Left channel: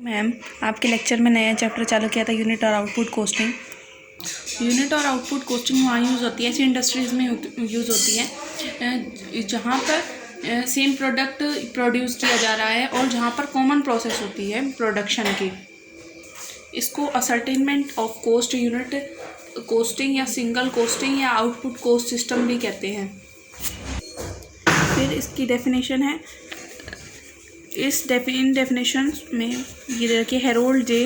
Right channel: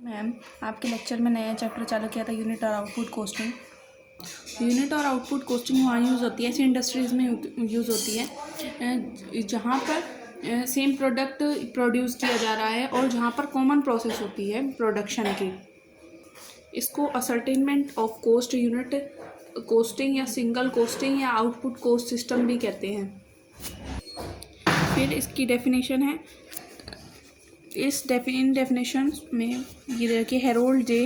Ma'am, आपके lecture में नया चैप्टर चालू किया था यूनिट और आउटपुट कोस्टिंग। यूनिट और आउटपुट कोस्टिंग वहाँ यूज़ होती है, ऐसी इंडस्ट्रीज़ में यूज़ होती है जहाँ पर सेम प्रोडक्ट प्रोड्यूस किया जा रहा है और जहाँ पर कॉमन प्रोसेस होती है प्रोडक्शन की। इसको ascertainment of cost unit costing या सिंगल कोस्टिंग या आउटपुट कोस्ट सिस्टम भी कहते हैं। फिर इसकी डेफिनेशन है, इन डेफिनेशन में ये देखिए हेरोल्ड जे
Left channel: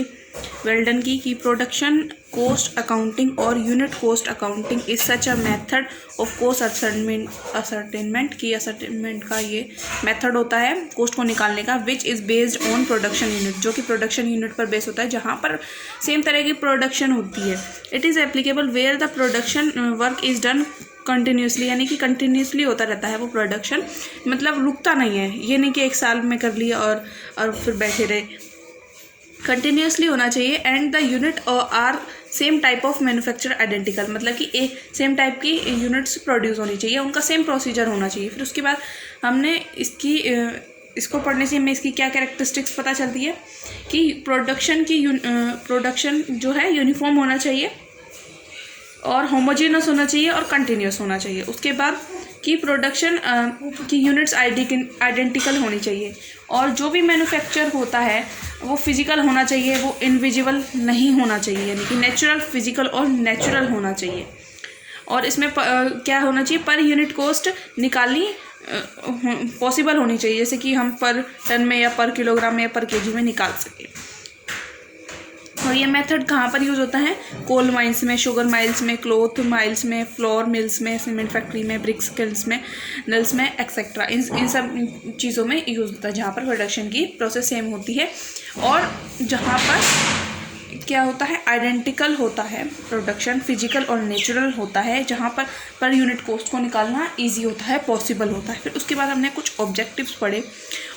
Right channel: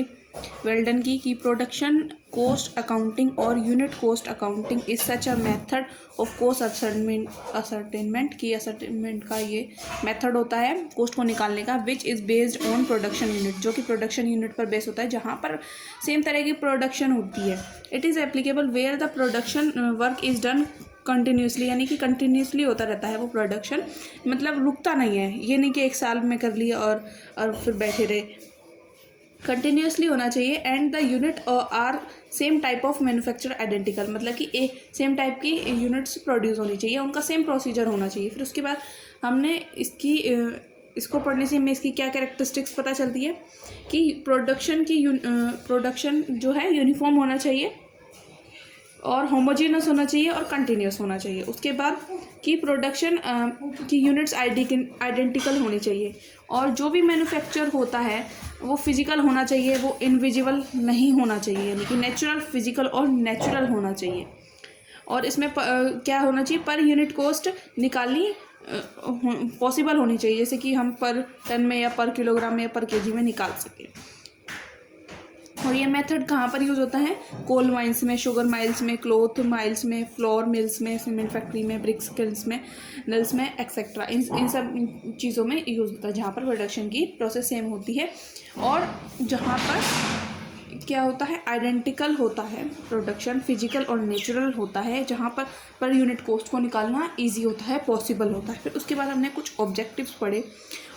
वेल्डन की प्रोडक्शन कोस्ट अकाउंटिंग और unit cost accounting is such a method of cost ascertainment की असर्टेनमेंट का ये मेथड होता है कोस्ट को निकालने का, which is based on production unit, जो कि प्रोडक्शन यूनिट पर बेस होता है जहाँ पर सेम तरह की प्रोडक्शन होती है। It is applicable where the production work is done continuously, यानी कि कंटिन्यूसली होता रहता है वो प्रोडक्शन, मतलब रुकता नहीं है। ये नहीं कि एक साल में कर लिया और फिर बैठे रहे, कंटिन्यूसली होना चाहिए। And the unit are same type of manufacture identical, मतलब कि एक सेम टाइप की यूनिट्स प्रोड्यूस होनी चाहिए, उनका सेम प्रोसीजर होना चाहिए। फिर उसके बाद हमने इसको पढ़ने से हमें इसकी क्या कैरेक्टरिस्टिक्स पता चलती है कि प्रोडक्शन जो है यूनिफॉर्म होना चाहिए और होमोजेनस होना चाहिए और कंटिन्यूस होना चाहिए। उसके बाद कि प्रोडक्शन की यूनिट्स आइडेंटिकल होनी चाहिए और जो भी मैन्युफैक्चर होता है वो फिजिकल होना चाहिए, वो इनविजिबल नहीं होना चाहिए, यानी कि नेचुरल, फिजिकल और नेचुरल होना चाहिए। और इसमें क्या होना चाहिए, पर यूनिट कोस्ट निकालनी पॉसिबल होनी चाहिए, जैसे कि हम पर टन में या पर किलोग्राम में या पर केजी में निकाल सकें। और ये मेथड कहाँ पर यूज़ होता है, कोल माइंस में, शुगर माइल्स में, क्लॉथ माइल्स में, फ्लोर मिल्स में, सीमेंट फैक्ट्री में, ब्रिक्स किल्स में, नल्स में एक्सेट्रा, इन सब चीज़ों में यूज़ होता है जहाँ पर प्रोडक्शन की प्रोसेस सेम होती है और जहाँ पर क्या होता है, आइडेंटिकल होता है प्रोडक्शन, फिजिकल और नेचुरल होता है, जहाँ पर यूनिट कोस्ट को निकालना ईजी होता है, पॉसिबल होता है। फिर उसके बाद हमने कुछ ऑब्जेक्टिव्स पढ़े,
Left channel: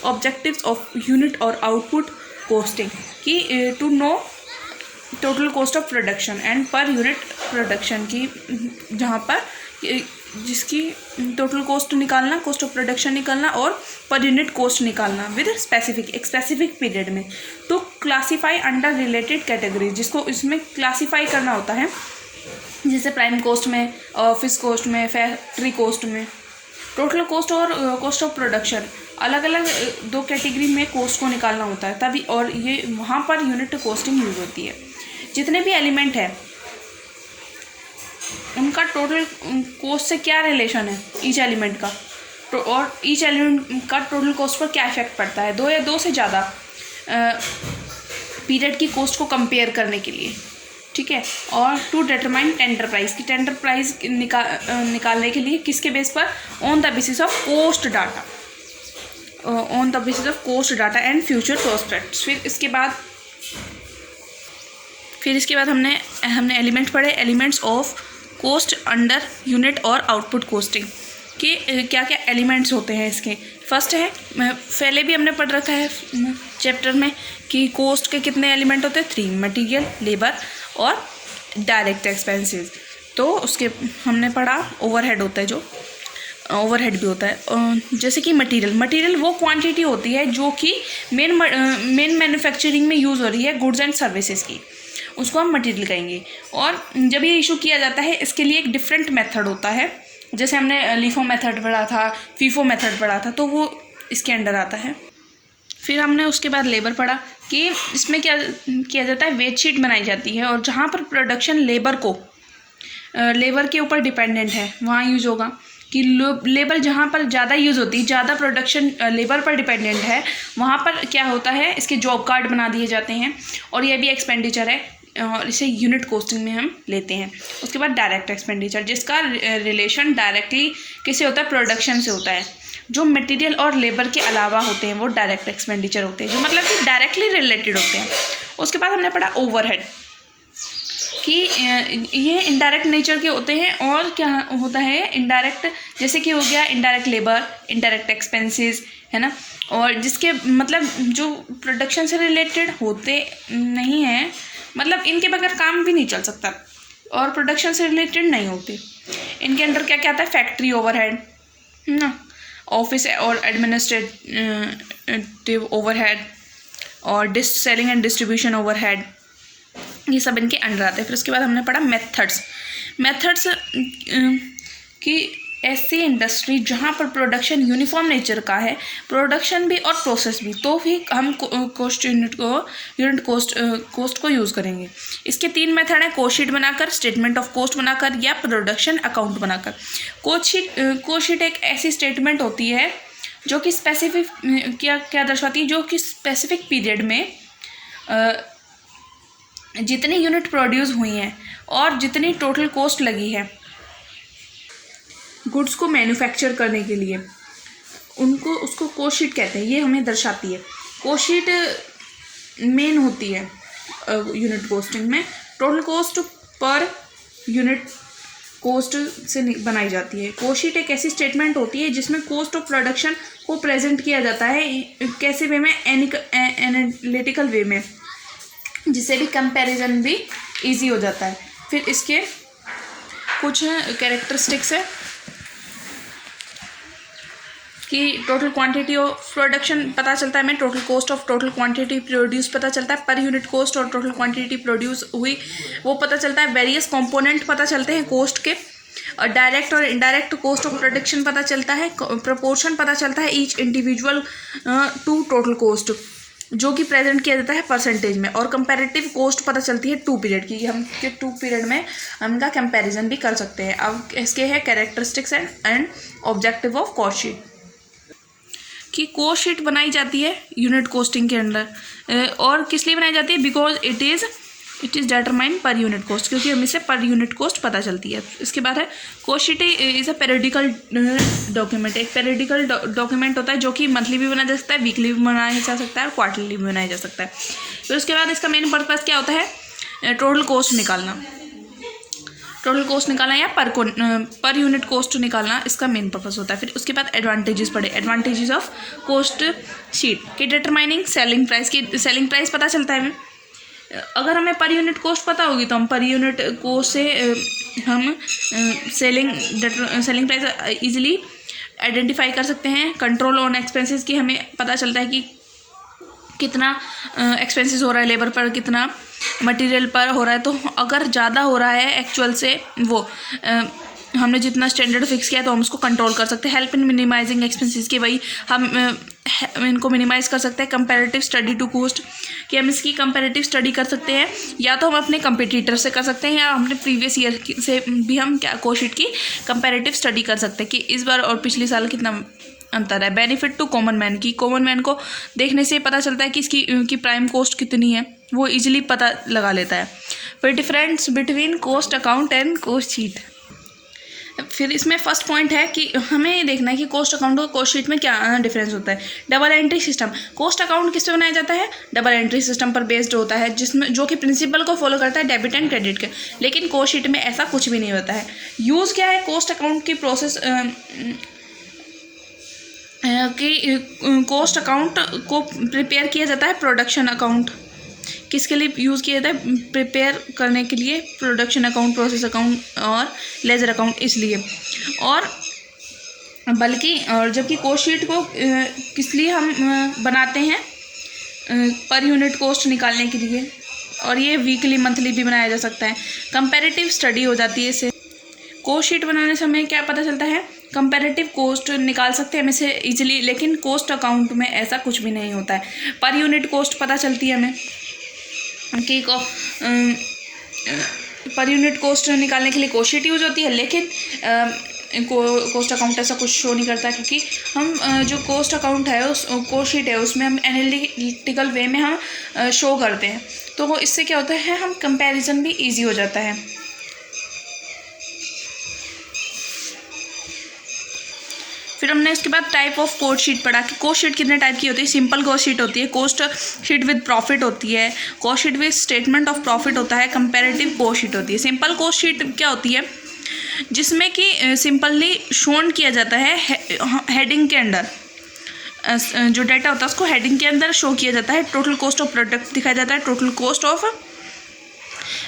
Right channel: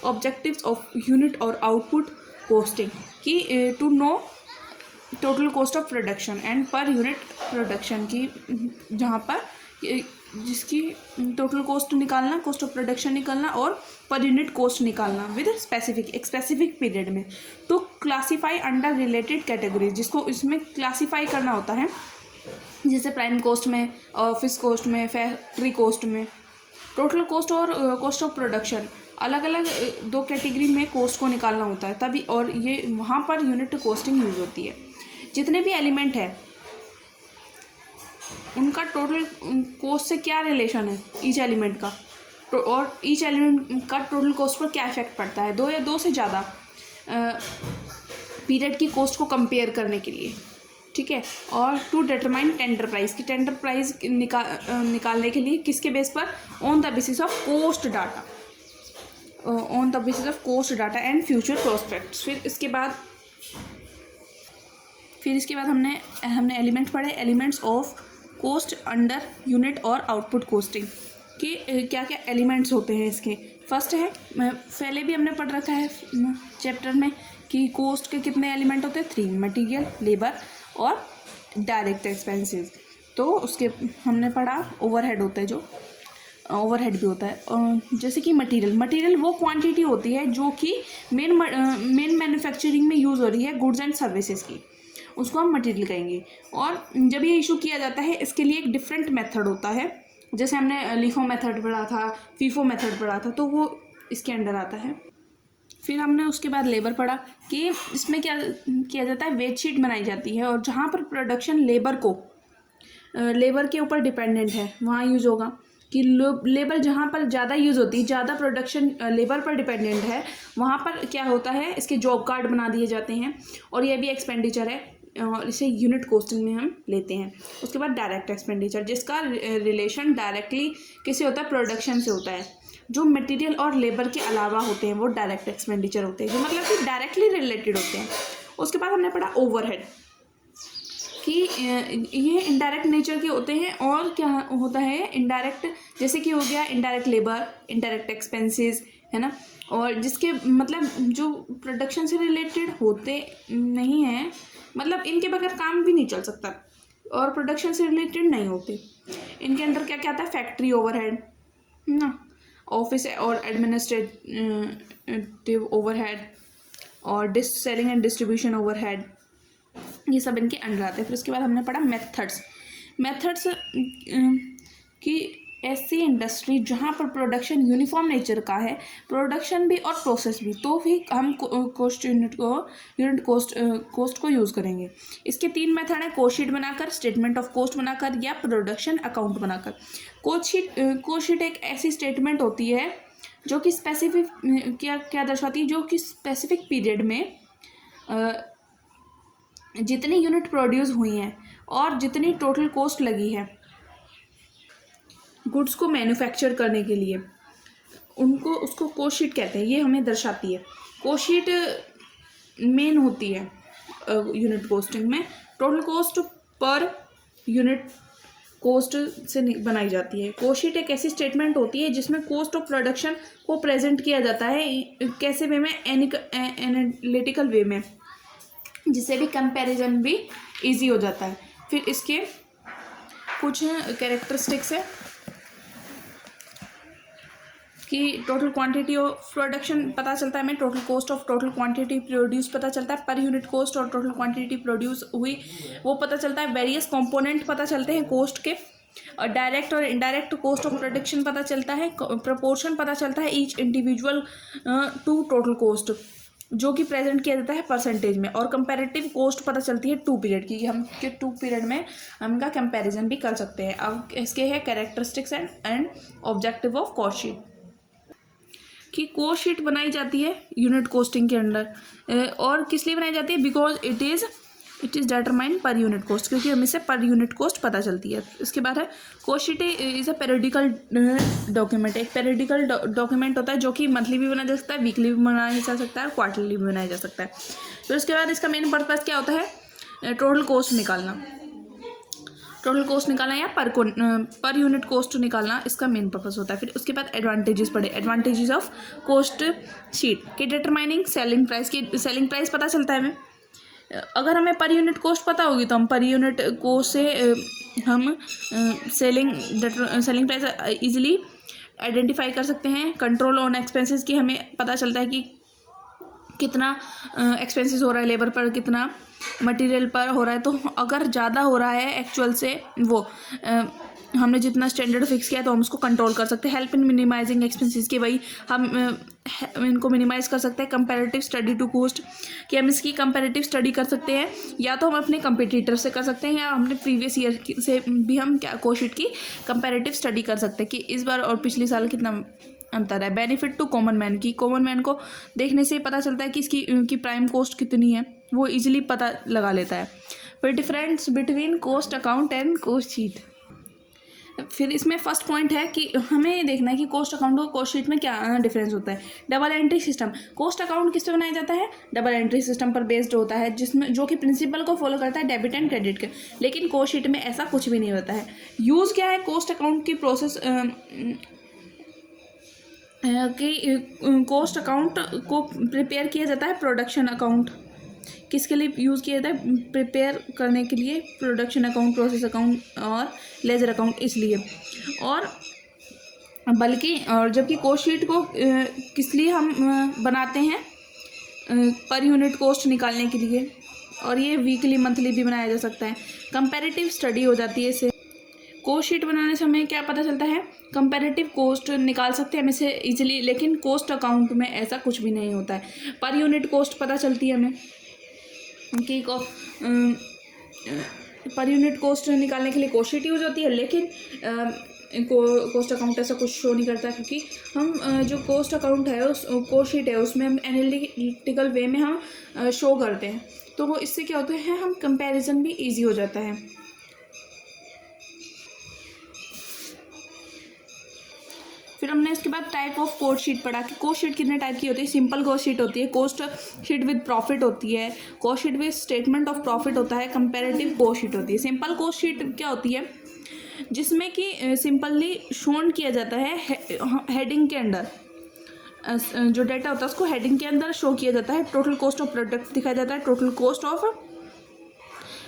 ऑब्जेक्टिव्स ऑफ यूनिट और आउटपुट कोस्टिंग की to know total cost of production and per unit production की, जहाँ पर जिसकी टोटल कॉस्ट निकालना, कॉस्ट ऑफ प्रोडक्शन निकालना और पर यूनिट कॉस्ट निकालना विद एक स्पेसिफिक पीरियड में, तो क्लासीफाई अंडर रिलेटेड कैटेगरीज, जिसको इसमें क्लासीफाई करना होता है, जैसे प्राइम कॉस्ट में, ऑफिस कॉस्ट में, फैक्ट्री कॉस्ट में। टोटल कॉस्ट और कॉस्ट ऑफ प्रोडक्शन अलग अलग दो कैटेगरी में कॉस्ट को निकालना होता है तभी, और ये वहाँ पर यूनिट कॉस्टिंग यूज होती है। जितने भी एलिमेंट है उनका टोटल कॉस्ट से क्या रिलेशन है ईच एलिमेंट का, और ईच एलिमेंट का टोटल कॉस्ट पर क्या इफेक्ट पड़ता है, दो या दो से ज़्यादा पीरियड की कॉस्ट को कंपेयर करने के लिए, ठीक है। और टू डिटरमाइन टेंडर प्राइस, की टेंडर प्राइस निकालने के लिए किसके बेस पर, on the basis of cost data, on the basis of cost data and future prospects. फिर इसके बाद हमने एलिमेंट पढ़े, elements of cost under unit और आउटपुट कोस्टिंग कि क्या क्या एलिमेंट्स होते हैं इसके। फर्स्ट है, पहले भी हमने पढ़ रखा है चैप्टर में कि कोस्ट के कितने एलिमेंट होते हैं, 3, मटेरियल, लेबर और डायरेक्ट एक्सपेंसेस। तो उसके हमने पढ़ा ओवरहेड होता है, जो ओवरहेड भी होता है, जैसे कि मटेरियल वो क्वांटिटी होती है जो कि मेन मैन्युफैक्चरिंग में यूज़ हो रही है गुड्स एंड सर्विसेज की, उसको हम मटेरियल कहेंगे। और जब ये इशू किया जाता है इसके लिए एक डिफरेंट मेथड होता है, जैसे हमने लीफो मेथड पढ़ा था, फीफो मेथड पढ़ा था, तो वो इसके अंडर आता है। फिर हमने उसके बाद लेबर पढ़ा कि इसमें क्या किया जाता है, वेज शीट बनाई जाती है और जहाँ पर प्रोडक्शन लेबर के ऊपर डिपेंडेंट है वहाँ यूज़ होगा, कि लेबर जहाँ पर ज़्यादा यूज़ होती है, ज़्यादा प्रोडक्शन लेबर पर डिपेंडेंट है, वहाँ पर क्या होता है, इसके जॉब कार्ड बना दिए जाते हैं और ये भी एक्सपेंडिचर है और इसे यूनिट कोस्टिंग में हम लेते हैं। उसके बाद डायरेक्ट एक्सपेंडिचर, जिसका रिलेशन डायरेक्टली किससे होता है, प्रोडक्शन से होता है। जो मटेरियल और लेबर के अलावा होते हैं वो डायरेक्ट एक्सपेंडिचर होते हैं, जो मतलब कि डायरेक्टली रिलेटेड होते हैं। उसके बाद हमने पढ़ा ओवरहेड कि ये इनडायरेक्ट नेचर के होते हैं, और क्या होता है इनडायरेक्ट, जैसे कि हो गया इनडायरेक्ट लेबर, इनडायरेक्ट एक्सपेंसेस, है ना, और जिसके मतलब जो प्रोडक्शन से रिलेटेड होते नहीं हैं, मतलब इनके बगैर काम भी नहीं चल सकता और प्रोडक्शन से रिलेटेड नहीं होते। इनके अंडर क्या क्या आता है, फैक्ट्री ओवरहेड, है ना, ऑफिस और एडमिनिस्ट्रेटिव ओवरहेड, और सेलिंग एंड डिस्ट्रीब्यूशन ओवरहेड, ये सब इनके अंडर आते हैं। फिर उसके बाद हमने पढ़ा मेथड्स कि ऐसी इंडस्ट्री जहाँ पर प्रोडक्शन यूनिफॉर्म नेचर का है, प्रोडक्शन भी और प्रोसेस भी, तो भी हम यूनिट कॉस्ट को यूज़ करेंगे। इसके 3 मेथड हैं, कोस्ट शीट बनाकर, स्टेटमेंट ऑफ कॉस्ट बनाकर, या प्रोडक्शन अकाउंट बनाकर। कोस्ट शीट एक ऐसी स्टेटमेंट होती है जो कि स्पेसिफिक क्या दर्शाती है, जो कि स्पेसिफिक पीरियड में जितनी यूनिट प्रोड्यूस हुई हैं और जितनी टोटल कॉस्ट लगी है गुड्स को मैन्युफैक्चर करने के लिए, उसको कॉस्ट शीट कहते हैं। ये हमें दर्शाती है। कॉस्ट शीट मेन होती है यूनिट कॉस्टिंग में, total cost per unit cost से बनाई जाती है। कॉस्ट शीट एक ऐसी स्टेटमेंट होती है जिसमें कॉस्ट ऑफ प्रोडक्शन को प्रेजेंट किया जाता है, कैसे वे में, एनालिटिकल वे में, जिससे भी कंपैरिजन भी इजी हो जाता है। फिर इसके कुछ कैरेक्टरिस्टिक्स है कि टोटल क्वांटिटी ऑफ प्रोडक्शन पता चलता है हमें, total cost of total quantity produce पता चलता है, पर यूनिट कॉस्ट और टोटल क्वांटिटी प्रोड्यूस हुई वो पता चलता है, वेरियस कंपोनेंट पता चलते हैं कॉस्ट के, और डायरेक्ट और इनडायरेक्ट कॉस्ट ऑफ प्रोडक्शन पता चलता है, प्रोपोर्शन पता चलता है each individual to total cost, जो कि प्रेजेंट किया जाता है परसेंटेज में, और कंपैरेटिव कॉस्ट पता चलती है 2 पीरियड की, हम 2 पीरियड में हम इनका कंपैरिजन भी कर सकते हैं। अब इसके है characteristics and objective of cost sheet, कि कॉस्ट शीट बनाई जाती है यूनिट कॉस्टिंग के अंडर, और किस लिए बनाई जाती है, बिकॉज इट इज़ डिटरमाइंड पर यूनिट कॉस्ट, क्योंकि हमें से पर यूनिट कॉस्ट पता चलती है। इसके बाद है cost sheet is a periodical document, एक पेरियोडिकल डॉक्यूमेंट होता है जो कि मंथली भी बनाया जा सकता है, वीकली भी बनाया जा सकता है, और क्वार्टरली भी बनाया जा सकता है। फिर उसके बाद इसका मेन पर्पज़ क्या होता है, टोटल कॉस्ट निकालना, या पर यूनिट कॉस्ट निकालना, इसका मेन पर्पस होता है। फिर उसके बाद एडवांटेजेस पढ़े, एडवांटेजेस ऑफ कॉस्ट शीट की डिटरमाइनिंग सेलिंग प्राइस, की सेलिंग प्राइस पता चलता है हमें। अगर हमें पर यूनिट कॉस्ट पता होगी तो हम पर यूनिट कॉस्ट से हम सेलिंग प्राइस इजीली आइडेंटिफाई कर सकते हैं। कंट्रोल ऑन एक्सपेंसेस की हमें पता चलता है कि कितना एक्सपेंसेस हो रहा है, लेबर पर कितना, मटेरियल पर हो रहा है, तो अगर ज़्यादा हो रहा है एक्चुअल से वो हमने जितना स्टैंडर्ड फिक्स किया तो हम उसको कंट्रोल कर सकते हैं। हेल्प इन मिनिमाइजिंग एक्सपेंसेस की, वही हम इनको मिनिमाइज़ कर सकते हैं। कंपैरेटिव स्टडी टू कॉस्ट, कि हम इसकी कंपैरेटिव स्टडी कर सकते हैं, या तो हम अपने कंपटीटर से कर सकते हैं, या हमने प्रीवियस ईयर से भी हम कॉस्ट शीट की कंपैरेटिव स्टडी कर सकते हैं कि इस बार और पिछले साल कितना अंतर है। बेनिफिट टू कॉमन मैन, की कॉमन मैन को देखने से पता चलता है कि इसकी प्राइम कॉस्ट कितनी है, वो इजीली पता लगा लेता है। फिर difference between cost account and cost sheet, फिर इसमें फर्स्ट पॉइंट है कि हमें ये देखना है कि कॉस्ट अकाउंट और कॉस्ट शीट में क्या डिफरेंस होता है। Double entry system, cost account किस पे बनाया जाता है, डबल एंट्री सिस्टम पर बेस्ड होता है, जिसमें जो कि प्रिंसिपल को फॉलो करता है, डेबिट एंड क्रेडिट के। लेकिन कॉस्ट शीट में ऐसा कुछ भी नहीं होता है। यूज़ क्या है कॉस्ट अकाउंट की प्रोसेस, कि कॉस्ट अकाउंट को प्रिपेयर किया जाता है प्रोडक्शन अकाउंट, किसके लिए यूज़ किया जाता है, प्रिपेयर करने के लिए, प्रोडक्शन अकाउंट, प्रोसेस अकाउंट और लेजर अकाउंट, इसलिए। और बल्कि और जबकि कॉस्ट शीट को किस लिए हम बनाते हैं, पर यूनिट कॉस्ट निकालने के लिए, और ये वीकली मंथली भी बनाया जा सकता है। कंपैरेटिव स्टडी हो जाती है इससे। कॉस्ट शीट बनाने से हमें क्या पता चलता है, कंपैरेटिव कॉस्ट निकाल सकते हैं हमें से इजीली, लेकिन कॉस्ट अकाउंट में ऐसा कुछ भी नहीं होता है। पर यूनिट कॉस्ट पता चलती है हमें कि पर यूनिट कॉस्ट निकालने के लिए कॉस्ट शीट यूज होती है, लेकिन कॉस्ट अकाउंट ऐसा कुछ शो नहीं करता, क्योंकि हम जो कॉस्ट अकाउंट है उस कॉस्ट शीट है उसमें हम एनालिटिकल वे में हम शो करते हैं, तो इससे क्या होता है, हम कंपैरिजन भी इजी हो जाता है। फिर हमने उसके बाद टाइप ऑफ कॉस्ट शीट पढ़ा कि कॉस्ट शीट कितने टाइप की होती है। सिंपल कॉस्ट शीट होती है, कॉस्ट शीट विद प्रॉफिट होती है, cost sheet with statement of profit होता है, कंपैरेटिव कॉस्ट शीट होती है। सिंपल कॉस्ट शीट क्या होती है, जिसमें कि सिंपली शोन किया जाता है हेडिंग के अंडर, जो डाटा होता है उसको हेडिंग के अंदर शो किया जाता है। टोटल कॉस्ट ऑफ प्रोडक्ट दिखाया जाता है, टोटल कॉस्ट ऑफ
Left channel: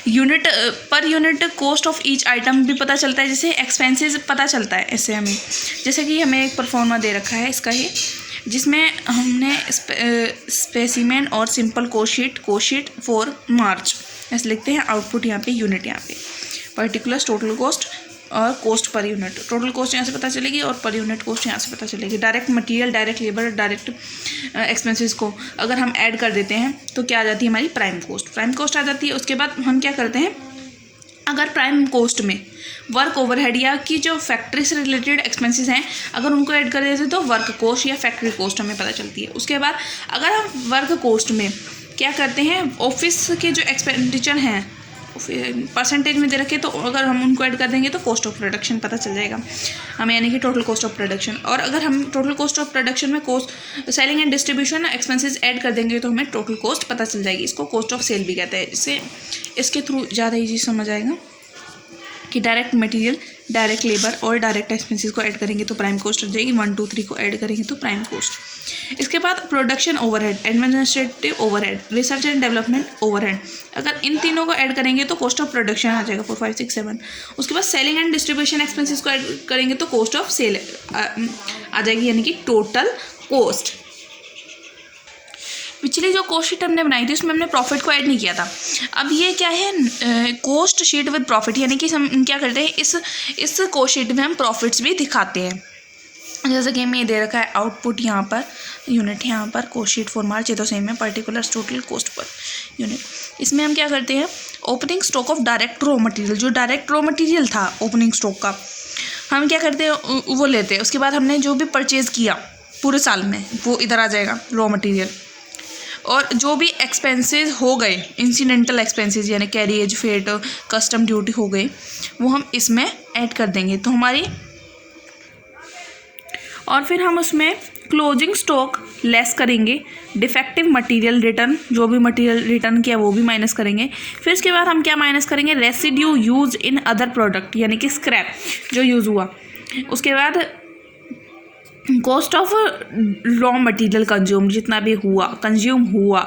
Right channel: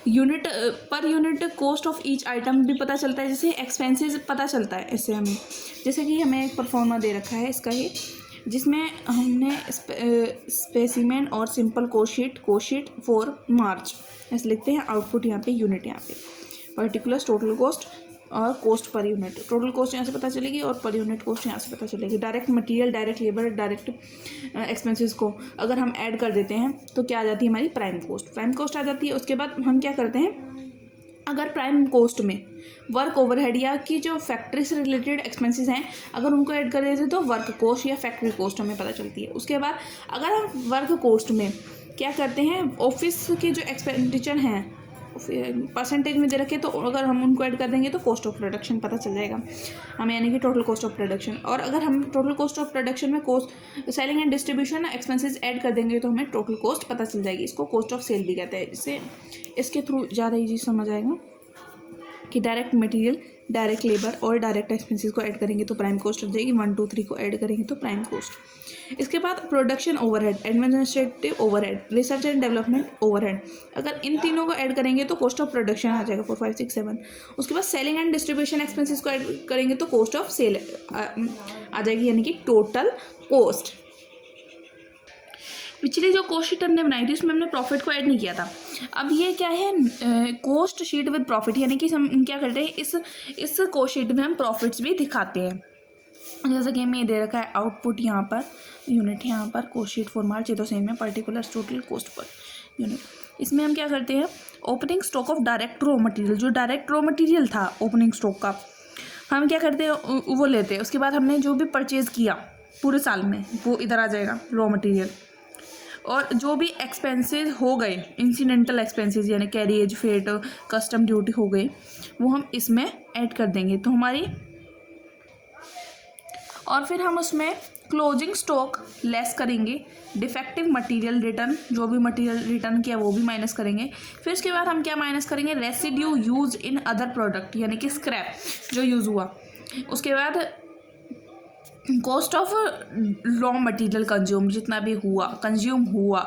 यूनिट, पर unit cost of each item भी पता चलता है, जैसे एक्सपेंसेस पता चलता है इससे हमें। जैसे कि हमें एक परफॉर्मा दे रखा है इसका, ये जिसमें हमने स्पेसिमेन और सिंपल कोशीट फॉर मार्च ऐसे लिखते हैं। आउटपुट यहाँ पे, यूनिट यहाँ पे, पर्टिकुलर्स, टोटल कॉस्ट और cost per unit. Total cost यहाँ से पता चलेगी और पर यूनिट कॉस्ट यहाँ से पता चलेगी। Direct material, direct labour, direct expenses को अगर हम ऐड कर देते हैं तो क्या आ जाती है हमारी प्राइम कॉस्ट आ जाती है। उसके बाद हम क्या करते हैं, अगर प्राइम कॉस्ट में वर्क ओवरहेड या कि जो फैक्ट्री से रिलेटेड एक्सपेंसेस हैं अगर उनको ऐड कर देते हैं तो वर्क कॉस्ट या फैक्ट्री कॉस्ट हमें पता चलती है। उसके बाद अगर हम वर्क कॉस्ट में क्या करते हैं, ऑफिस के जो एक्सपेंडिचर हैं परसेंटेज में दे रखे तो अगर हम उनको ऐड कर देंगे तो कॉस्ट ऑफ प्रोडक्शन पता चल जाएगा हमें, यानी कि टोटल कॉस्ट ऑफ प्रोडक्शन। और अगर हम टोटल कॉस्ट ऑफ प्रोडक्शन में cost selling and distribution expenses add कर देंगे तो हमें टोटल कॉस्ट पता चल जाएगी। इसको कॉस्ट ऑफ सेल भी कहते हैं। इससे इसके थ्रू ज़्यादा ईजी समझ आएगा कि डायरेक्ट मटेरियल, डायरेक्ट लेबर और डायरेक्ट एक्सपेंसेस को ऐड करेंगे तो प्राइम कॉस्ट आ जाएगी। 1 2 3 को ऐड करेंगे तो प्राइम कॉस्ट। इसके बाद production overhead, administrative overhead, research and development overhead, अगर इन तीनों को ऐड करेंगे तो कॉस्ट ऑफ प्रोडक्शन आ जाएगा 4 5 6 7। उसके बाद सेलिंग एंड डिस्ट्रीब्यूशन एक्सपेंसेस को ऐड करेंगे तो कॉस्ट ऑफ सेल आ जाएगी, यानी कि टोटल कॉस्ट। पिछली जो कॉस्ट शीट हमने बनाई थी उसमें हमने प्रॉफिट को ऐड नहीं किया था। अब ये क्या है, कॉस्ट शीट विद प्रॉफिट, यानी कि हम क्या करते हैं, इस कॉस्ट शीट में हम प्रॉफिट्स भी दिखाते हैं। जैसे कि हमें दे रखा है आउटपुट यहाँ पर, यूनिट यहाँ पर, कॉस्ट शीट फॉर मार्च, ये तो सेम है, particulars, total cost per unit. इसमें हम क्या करते हैं, opening stock of direct raw material, जो डायरेक्ट रॉ मटेरियल था ओपनिंग स्टॉक का, हम क्या करते हैं वो लेते हैं। उसके बाद हमने जो भी परचेज़ किया पूरे साल में वो इधर आ जाएगा रॉ मटेरियल। और जो भी एक्सपेंसेस हो गए, इंसिडेंटल एक्सपेंसेस यानी कैरिएज, फेट, कस्टम ड्यूटी हो गई, वो हम इसमें ऐड कर देंगे तो हमारी, और फिर हम उसमें क्लोजिंग स्टॉक लेस करेंगे, डिफेक्टिव मटेरियल रिटर्न, जो भी मटेरियल रिटर्न किया वो भी माइनस करेंगे। फिर उसके बाद हम क्या माइनस करेंगे, residue use in other product, यानी कि स्क्रैप जो यूज़ हुआ। उसके बाद cost of raw material consume हुआ,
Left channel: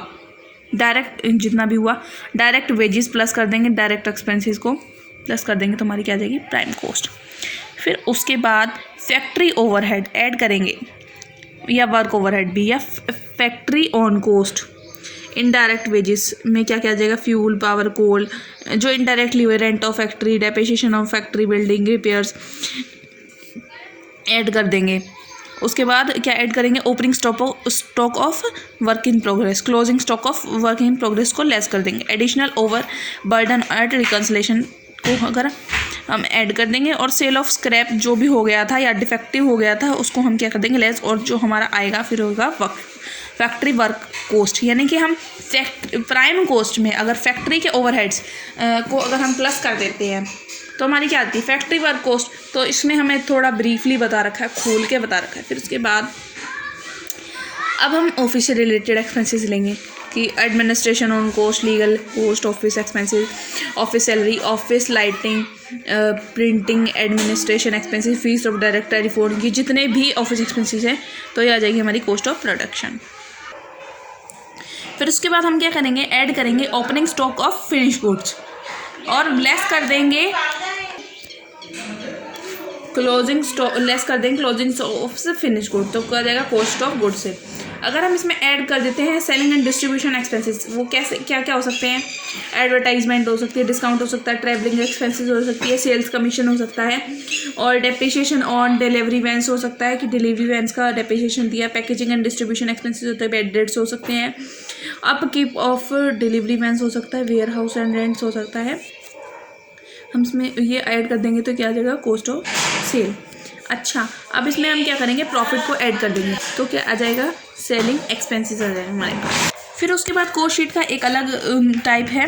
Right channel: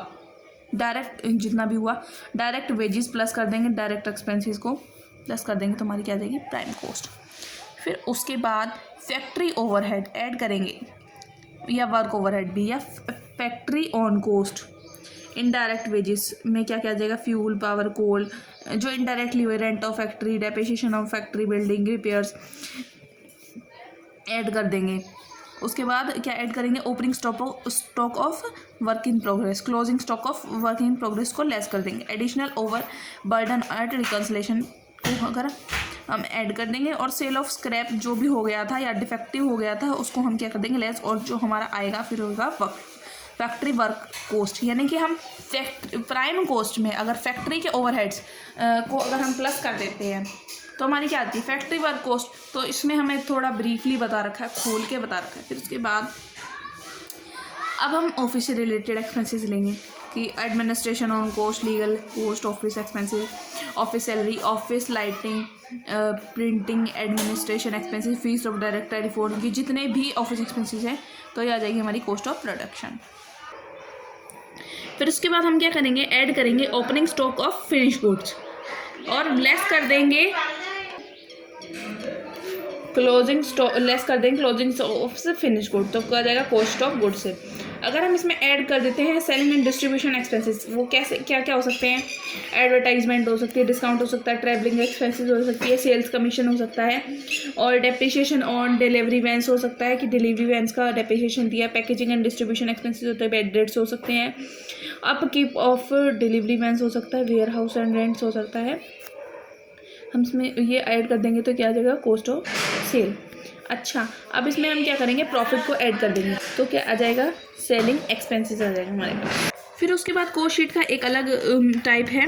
डायरेक्ट जितना भी हुआ, डायरेक्ट वेजेस प्लस कर देंगे, डायरेक्ट एक्सपेंसेस को प्लस कर देंगे तो हमारी क्या आ जाएगी, प्राइम कॉस्ट। फिर उसके बाद फैक्ट्री ओवरहेड ऐड करेंगे या वर्क ओवरहेड भी, या factory on cost, indirect wages में क्या क्या आ जाएगा, फ्यूल, पावर, कोल, जो इनडायरेक्टली हुए, rent of factory, depreciation of factory building, repairs add कर देंगे। उसके बाद क्या ऐड करेंगे, opening stock of work in progress, closing stock of work in progress को लेस कर देंगे। Additional over burden at reconciliation को अगर हम ऐड कर देंगे, और सेल ऑफ स्क्रैप जो भी हो गया था या डिफेक्टिव हो गया था उसको हम क्या कर देंगे, लेस, और जो हमारा आएगा फिर होगा फैक्ट्री वर्क कॉस्ट, यानी कि हम प्राइम कॉस्ट में अगर फैक्ट्री के ओवरहेड्स को अगर हम प्लस कर देते हैं तो हमारी क्या आती है, फैक्ट्री वर्क कॉस्ट। तो इसमें हमें थोड़ा ब्रीफली बता रखा है, खोल के बता रखा है। फिर उसके बाद अब हम ऑफिस से रिलेटेड एक्सपेंसेस लेंगे कि administration on cost, legal cost, office expenses, office salary, office lighting, printing, administration expenses, fees of direct telephone, की जितने भी ऑफिस एक्सपेंसेस हैं तो ये आ जाएगी हमारी कॉस्ट ऑफ प्रोडक्शन। फिर उसके बाद हम क्या करेंगे, ऐड करेंगे opening stock of finish goods और लेस कर देंगे क्लोजिंग स्टॉक, लेस कर देंगे closing stock of finish good, तो क्या जाएगा कॉस्ट ऑफ गुड से। अगर हम इसमें ऐड कर देते हैं सेलिंग एंड डिस्ट्रीब्यूशन एक्सपेंसेस, वो कैसे क्या क्या हो सकते हैं, एडवर्टाइजमेंट हो सकती है, डिस्काउंट हो सकता है, ट्रैवलिंग एक्सपेंसेस हो सकती है, सेल्स कमीशन हो सकता है, और डेप्रिसिएशन ऑन डिलीवरी वैन्स हो सकता है कि डिलीवरी वैन्स का डेप्रिसिएशन दिया, पैकेजिंग एंड डिस्ट्रीब्यूशन एक्सपेंसेस होते हैं, बेड रेट्स हो सकते हैं, अपकीप ऑफ डिलीवरी वैन्स हो सकता है, वेयर हाउस एंड रेंट्स हो सकता है। हम इसमें ये ऐड कर देंगे तो क्या आ जाएगा, कॉस्ट ऑफ सेल। अच्छा, अब इसमें हम क्या करेंगे, प्रॉफिट को ऐड कर देंगे तो क्या आ जाएगा, सेलिंग एक्सपेंसेस आ जाएगा हमारे पास। फिर उसके बाद कॉस्ट शीट का एक अलग टाइप है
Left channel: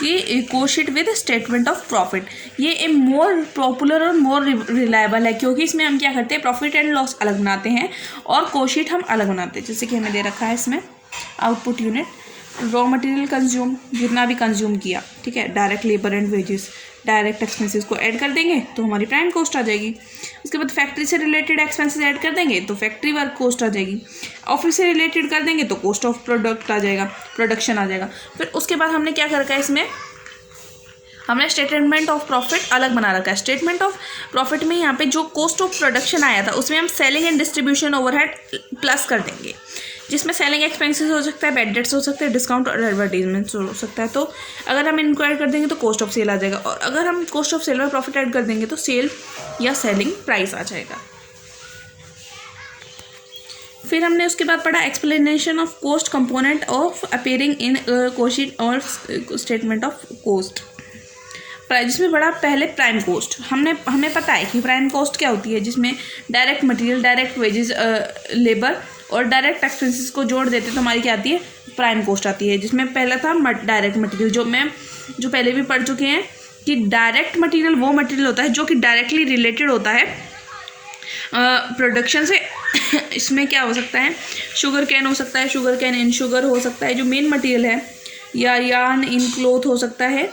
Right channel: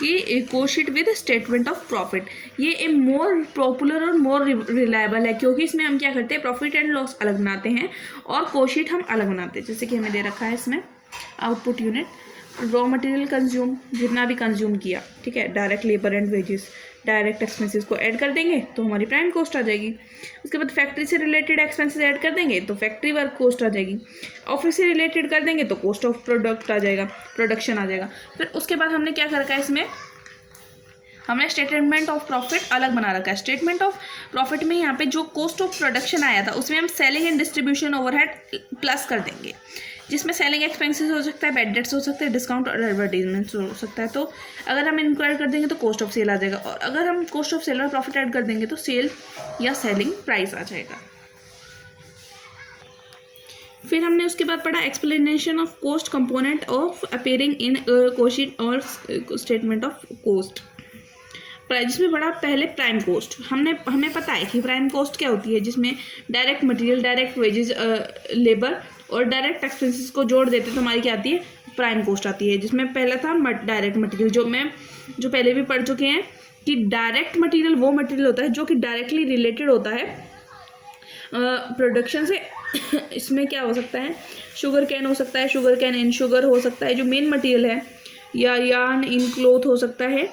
कि cost sheet with statement of profit. ये एक मोर पॉपुलर और मोर रिलायबल है क्योंकि इसमें हम क्या करते हैं, प्रॉफिट एंड लॉस अलग बनाते हैं और कॉस्ट शीट हम अलग बनाते हैं। जैसे कि हमें दे रखा है इसमें output unit, raw material consume, जितना भी कंज्यूम किया, ठीक है, direct labour and wages, direct expenses को ऐड कर देंगे तो हमारी प्राइम कॉस्ट आ जाएगी। उसके बाद फैक्ट्री से रिलेटेड एक्सपेंसेस ऐड कर देंगे तो फैक्ट्री वर्क कॉस्ट आ जाएगी। ऑफिस से रिलेटेड कर देंगे तो कॉस्ट ऑफ प्रोडक्ट आ जाएगा, प्रोडक्शन आ जाएगा। फिर उसके बाद हमने क्या कर रखा है इसमें, हमने स्टेटमेंट ऑफ प्रॉफिट अलग बना रखा है। स्टेटमेंट ऑफ प्रॉफिट में यहाँ पे जो कॉस्ट ऑफ प्रोडक्शन आया था उसमें हम selling and distribution overhead plus कर देंगे, जिसमें सेलिंग एक्सपेंसेस हो सकता है, बैड डेट्स हो सकते हैं, डिस्काउंट और एडवर्टीजमेंट्स हो सकता है। तो अगर हम इनको ऐड कर देंगे तो कॉस्ट ऑफ सेल आ जाएगा, और अगर हम कॉस्ट ऑफ सेल और प्रॉफिट ऐड कर देंगे तो सेल या सेलिंग प्राइस आ जाएगा। फिर हमने उसके बाद पढ़ा explanation of cost component of appearing in cost sheet और स्टेटमेंट ऑफ कॉस्ट, जिसमें पढ़ा पहले प्राइम कॉस्ट। हमें पता है कि प्राइम कॉस्ट क्या होती है, जिसमें direct material, direct wages, labour और डायरेक्ट एक्सपेंसेस को जोड़ देते तो हमारी क्या आती है, प्राइम कॉस्ट आती है। जिसमें पहला था डायरेक्ट मटेरियल, जो पहले भी पढ़ चुके हैं कि डायरेक्ट मटेरियल वो मटेरियल होता है जो कि डायरेक्टली रिलेटेड होता है प्रोडक्शन से। इसमें क्या हो सकता है, शुगर कैन हो सकता है, शुगर कैन इन शुगर हो सकता है जो मेन मटेरियल है, या यार्न इन क्लोथ हो सकता है।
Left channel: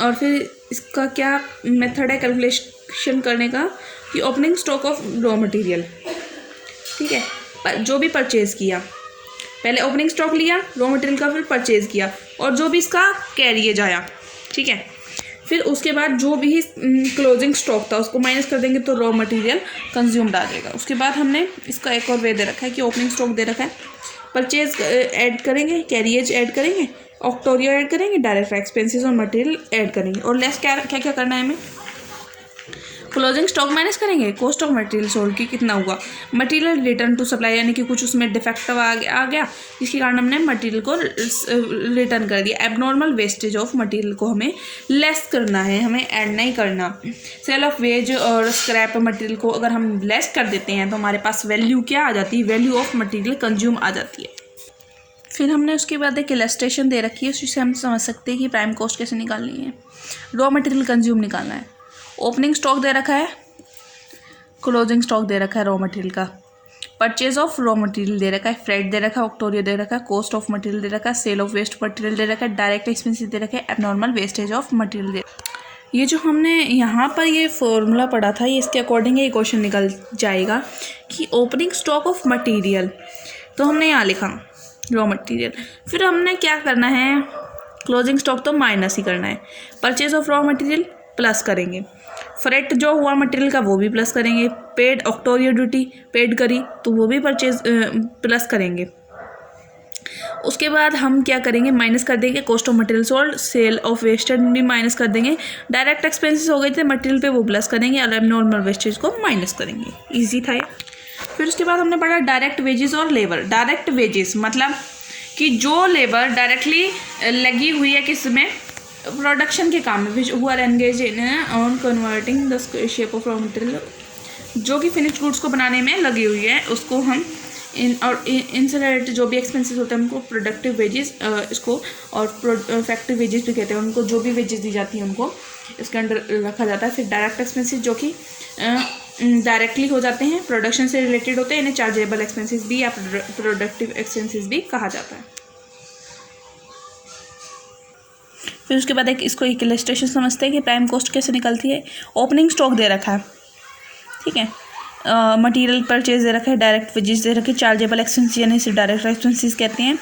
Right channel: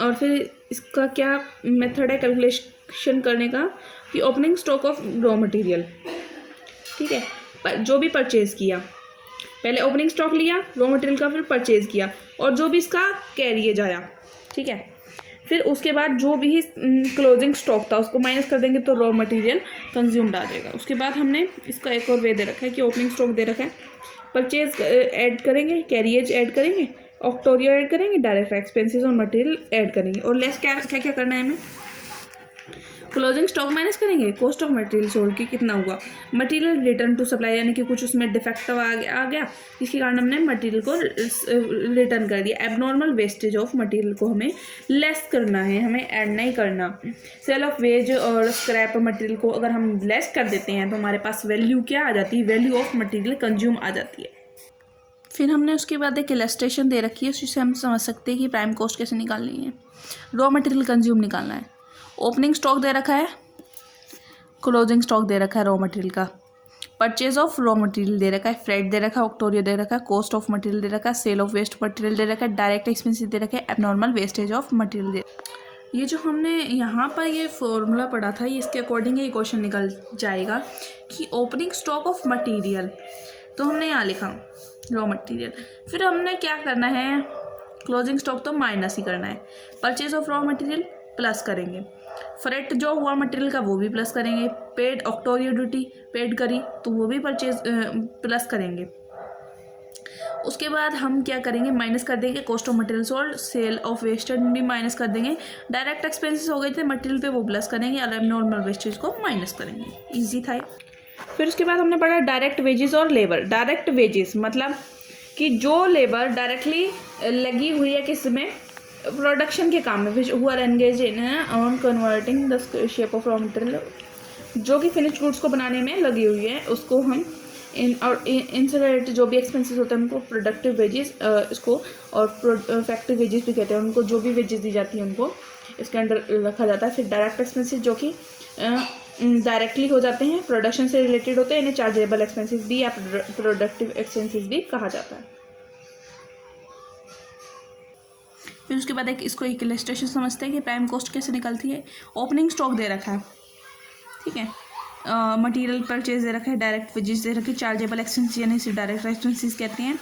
और फिर इसका क्या मेथड है कैलकुलेशन करने का, कि opening stock of raw material, ठीक है, जो भी परचेज़ किया, पहले ओपनिंग स्टॉक लिया रॉ मटेरियल का, फिर परचेज़ किया, और जो भी इसका कैरिएज आया, ठीक है, फिर उसके बाद जो भी क्लोजिंग स्टॉक था उसको माइनस कर देंगे तो रॉ मटेरियल कंज्यूम्ड आ जाएगा। उसके बाद हमने इसका एक और वे दे रखा है कि ओपनिंग स्टॉक दे रखा है, परचेज ऐड करेंगे, कैरिएज ऐड करेंगे, ऑक्टोरियो ऐड करेंगे, डायरेक्ट एक्सपेंसेस और मटेरियल ऐड करेंगे, और लेस क्या क्या करना है हमें, क्लोजिंग स्टॉक माइनस करेंगे, कॉस्ट ऑफ मटेरियल सोल्ड की कितना हुआ, मटेरियल रिटर्न टू सप्लाई, यानी कि कुछ उसमें डिफेक्टिव आ गया जिसके कारण हमने मटेरियल को रिटर्न कर दिया। एबनॉर्मल वेस्टेज ऑफ मटेरियल को हमें लेस करना है, हमें ऐड नहीं करना। सेल ऑफ वेज और स्क्रैप मटेरियल को अगर हम लेस कर देते हैं तो हमारे पास वैल्यू क्या आ जाती है, वैल्यू ऑफ मटेरियल कंज्यूम आ जाती है। फिर हमने उसके बाद एक इलस्ट्रेशन दे रखी है, उससे हम समझ सकते हैं कि प्राइम कॉस्ट कैसे निकालनी है। रॉ मटेरियल कंज्यूम निकालना है, ओपनिंग स्टॉक दे रखा है, क्लोजिंग स्टॉक दे रखा है रॉ मटेरियल का, परचेज ऑफ रॉ मटेरियल दे रखा है, फ्रेट दे रखा है, ऑक्टोरियो दे रखा है, कॉस्ट ऑफ मटेरियल दे रखा है, सेल ऑफ वेस्ट मटेरियल दे रखा है, डायरेक्ट एक्सपेंसेस दे रखा है, एबनॉर्मल वेस्टेज ऑफ मटेरियल दे। ये जो हमने यहाँ पर ये फॉर्मूला पढ़ा था, ये इसके अकॉर्डिंग ये क्वेश्चन निकल जाएगा कि ओपनिंग स्टॉक ऑफ मटेरियल, तो हमने यहाँ लिखा रॉ मटेरियल, फिर हमने क्या करना है, क्लोजिंग स्टॉक तो माइनस ही करना है, purchase of raw material plus करेंगे, फ्रेट जो हुआ मटेरियल का वो भी प्लस करेंगे, पेड ऑक्टोरियो ड्यूटी पेड करी तो वो भी परचेज प्लस करेंगे। उसके बाद हम क्या करेंगे, माइनस कर देंगे cost of material sold, sale of wasted भी माइनस कर देंगे, डायरेक्ट एक्सपेंसेस हो गए थे मटेरियल पे वो प्लस करेंगे, और एबनॉर्मल वेस्टेज को माइनस करेंगे। ईजी था ये। फिर उसके बाद हमने पढ़ा डायरेक्ट वेजेस और लेबर। डायरेक्ट वेजेस मतलब कि जो लेबर डायरेक्टली लगी हुई है किस में, प्रोडक्शन के काम में, which who are engage in on converting the shape of raw material, जो कि फिनिश गुड्स को बनाने में लगी हुई है, उसको हम इनसे रिलेटेड जो भी एक्सपेंसेस होते हैं उनको प्रोडक्टिव वेजेस इसको, और फैक्ट्री वेजेस भी कहते हैं उनको, जो भी वेजेस दी जाती हैं उनको इसके अंडर रखा जाता है। फिर डायरेक्ट एक्सपेंसेस जो कि डायरेक्टली हो जाते हैं, प्रोडक्शन से रिलेटेड होते हैं, इन्हें चार्जेबल एक्सपेंसेस भी या प्रोडक्टिव एक्सपेंसेस भी कहा जाता है। फिर उसके बाद इसको एक इलस्ट्रेशन समझते हैं कि प्राइम कॉस्ट कैसे निकलती है। ओपनिंग स्टॉक दे रखा है, ठीक है, मटेरियल परचेज दे रखा है, डायरेक्ट वेजेस दे रखे, चार्जेबल एक्सपेंसेस यानी इसे डायरेक्ट एक्सपेंसेस कहते हैं,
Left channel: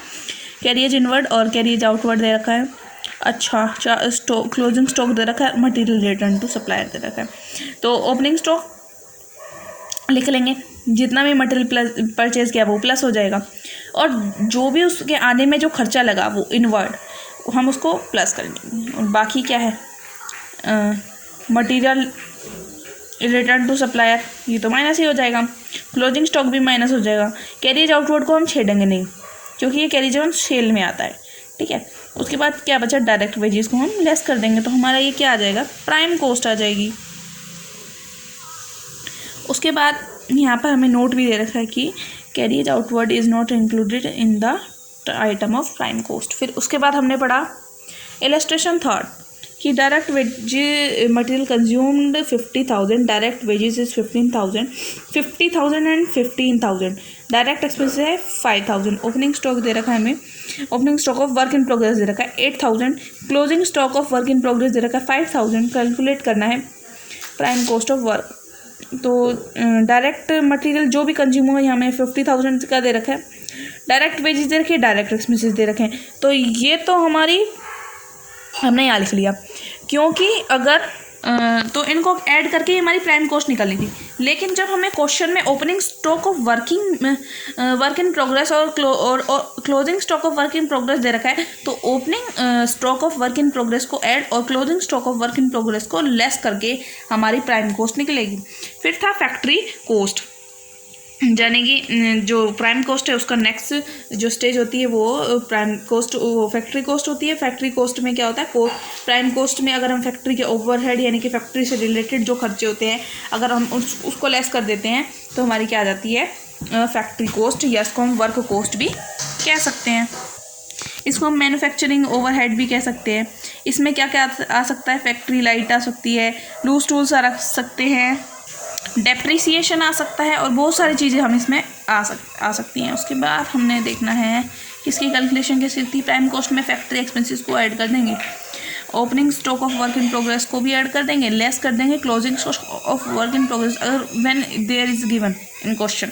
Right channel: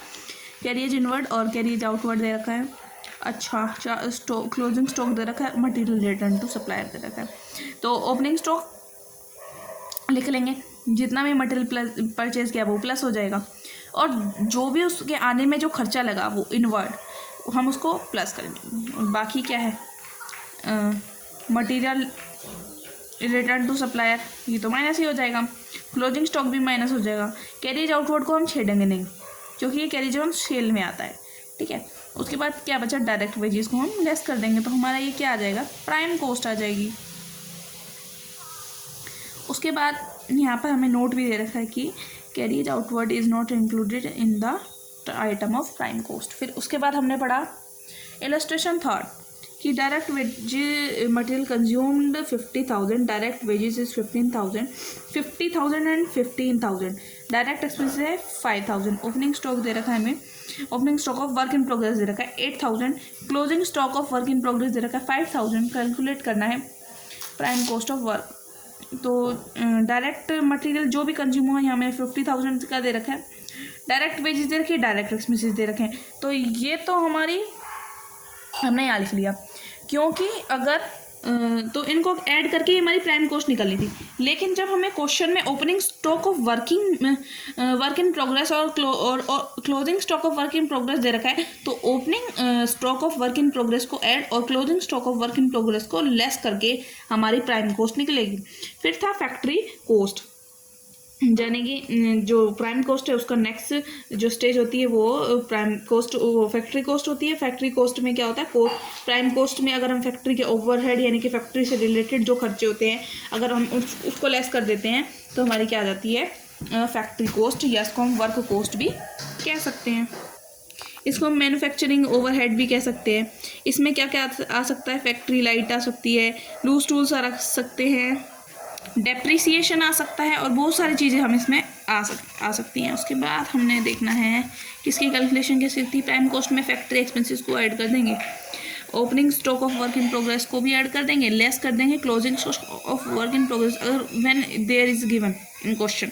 कैरिएज इनवर्ड और कैरिएज आउटवर्ड दे रखा है। अच्छा, क्लोजिंग स्टॉक दे रखा है, मटेरियल रिटर्न टू सप्लायर दे रखा है। तो ओपनिंग स्टॉक लिख लेंगे, जितना भी मटेरियल परचेज किया वो प्लस हो जाएगा, और जो भी उसके आने में जो खर्चा लगा वो इनवर्ड हम उसको प्लस करेंगे, और बाकी क्या है, मटेरियल रिटर्न टू सप्लायर ये तो माइनस ही हो जाएगा, क्लोजिंग स्टॉक भी माइनस हो जाएगा, कैरिएज आउटवर्ड को हम छेड़ेंगे नहीं क्योंकि ये कैरिएज ऑन सेल में आता है, ठीक है। उसके बाद क्या बचा, डायरेक्ट वेजेस को हम लेस कर देंगे, तो हमारा ये क्या आ जाएगा, प्राइम कॉस्ट आ जाएगी। उसके बाद यहाँ पर हमें नोट भी दे रखा है कि carriage outward is not included in the item of prime cost. फिर उसके बाद हमने पढ़ा इलस्ट्रेशन थर्ड कि direct wage material consumed 50,000, direct wages is 15,000, 50,000 and 15,000, direct expenses है 5,000, ओपनिंग स्टॉक दे रखा है हमें, opening stock of work in progress दे रखा है 8,000, closing stock of work in progress दे रखा है 5,000, कैलकुलेट करना है प्राइम कॉस्ट ऑफ वर्क। तो डायरेक्ट मटेरियल जो भी कंज्यूम हुआ यहाँ में 50,000 का दे रखा है, डायरेक्ट वेजेस दे रखे, डायरेक्ट एक्सपेंसेस दे रखे हैं, तो ये तो हमारी हमने यहाँ लिख लिया, क्योंकि अगर तो इनको ऐड करके हमारी प्राइम कॉस्ट निकलनी थी। लेकिन जब हमें क्वेश्चन में opening stock of work in progress और closing stock of work in progress दे रखा है, तो opening stock of work in progress को ऐड और closing stock of work in progress को लेस करके हमारी प्राइम कॉस्ट निकलेगी। फिर था फैक्ट्री कॉस्ट, यानी कि जो प्राइम कॉस्ट है उसका नेक्स्ट जो स्टेज होती है वो प्राइम कॉस्ट, वो फैक्ट्री कॉस्ट होती है। फैक्ट्री कॉस्ट में क्या होता है, प्राइम कॉस्ट में अगर हम फैक्ट्री के ओवरहेड यानी कि फैक्ट्री से रिलेटेड जो खर्चे होते हैं अगर हम उसको लेस कर देते हैं तो हमारी क्या आ जाती है फैक्ट्री कॉस्ट, या इसको हम वर्क कॉस्ट भी कह सकते हैं। इसको हम मैन्युफैक्चरिंग ओवरहेड भी कह सकते हैं। इसमें क्या क्या आ सकता है, फैक्ट्री लाइट आ सकती है, लूज टूल्स आ सकते हैं, डेप्रिसिएशन आ सकता है और बहुत सारी चीज़ें हम इसमें आ सकती हैं। उसके बाद हमने देखना है किसकी कैलकुलेशन कैसी थी, प्राइम कॉस्ट में फैक्ट्री एक्सपेंसेस को ऐड कर देंगे, opening stock of work in progress को भी ऐड कर देंगे, लेस कर देंगे closing stock of work in progress अगर when there is given in question,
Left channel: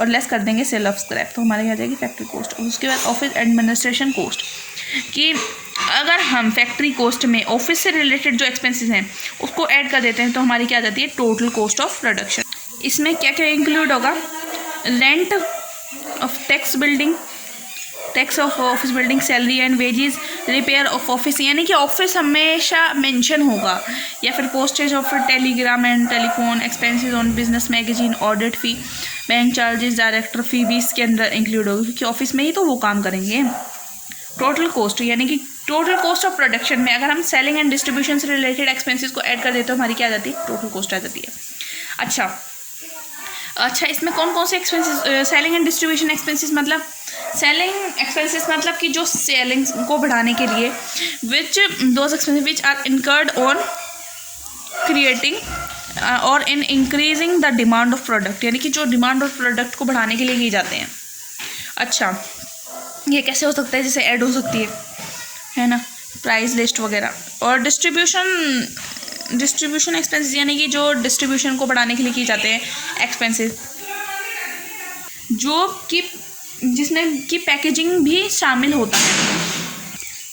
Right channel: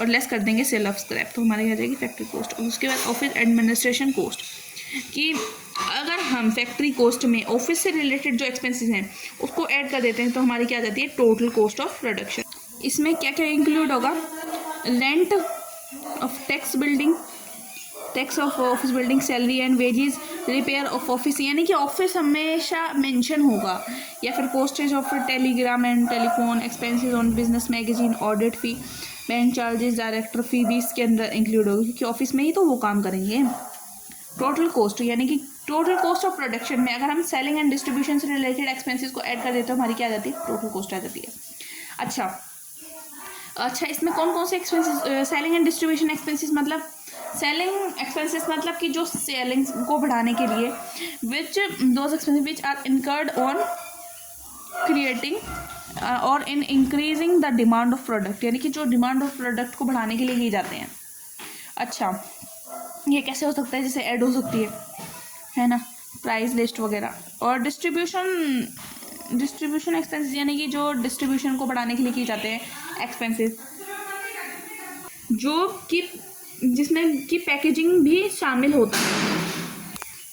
और लेस कर देंगे सेल ऑफ स्क्रैप, तो हमारी आ जाएगी फैक्ट्री कॉस्ट। और उसके बाद ऑफिस एडमिनिस्ट्रेशन कॉस्ट, कि अगर हम फैक्ट्री कॉस्ट में ऑफिस से रिलेटेड जो एक्सपेंसेस हैं उसको ऐड कर देते हैं तो हमारी क्या आ जाती है टोटल कॉस्ट ऑफ प्रोडक्शन। इसमें क्या क्या इंक्लूड होगा, rent of tax building, tax of office building, salary and wages, repair of office, यानी कि ऑफिस हमेशा मेंशन होगा, या फिर postage of telegram and telephone, expenses on business magazine, audit fee, bank charges, director fee भी इसके अंदर include होगी क्योंकि ऑफिस में ही तो वो काम करेंगे। टोटल कॉस्ट, यानी कि टोटल कॉस्ट ऑफ प्रोडक्शन में अगर हम सेलिंग एंड डिस्ट्रीब्यूशन से रिलेटेड एक्सपेंसेस को ऐड कर देते हैं हमारी क्या आ जाती है टोटल कॉस्ट आ जाती है। अच्छा इसमें कौन कौन से expenses, selling and distribution expenses मतलब सेलिंग एक्सपेंसेस मतलब कि जो सेलिंग को बढ़ाने के लिए which those expenses which are incurred on creating और in increasing the demand of product, यानी कि जो डिमांड ऑफ प्रोडक्ट को बढ़ाने के लिए किए जाते हैं। अच्छा ये कैसे हो सकता है, जैसे ऐड हो सकती है ना, प्राइस लिस्ट वगैरह। और डिस्ट्रीब्यूशन एक्सपेंसेस यानी कि जो डिस्ट्रीब्यूशन को बढ़ाने के लिए किए जाते हैं एक्सपेंसेस, जो कि जिसमें कि पैकेजिंग भी शामिल होता है।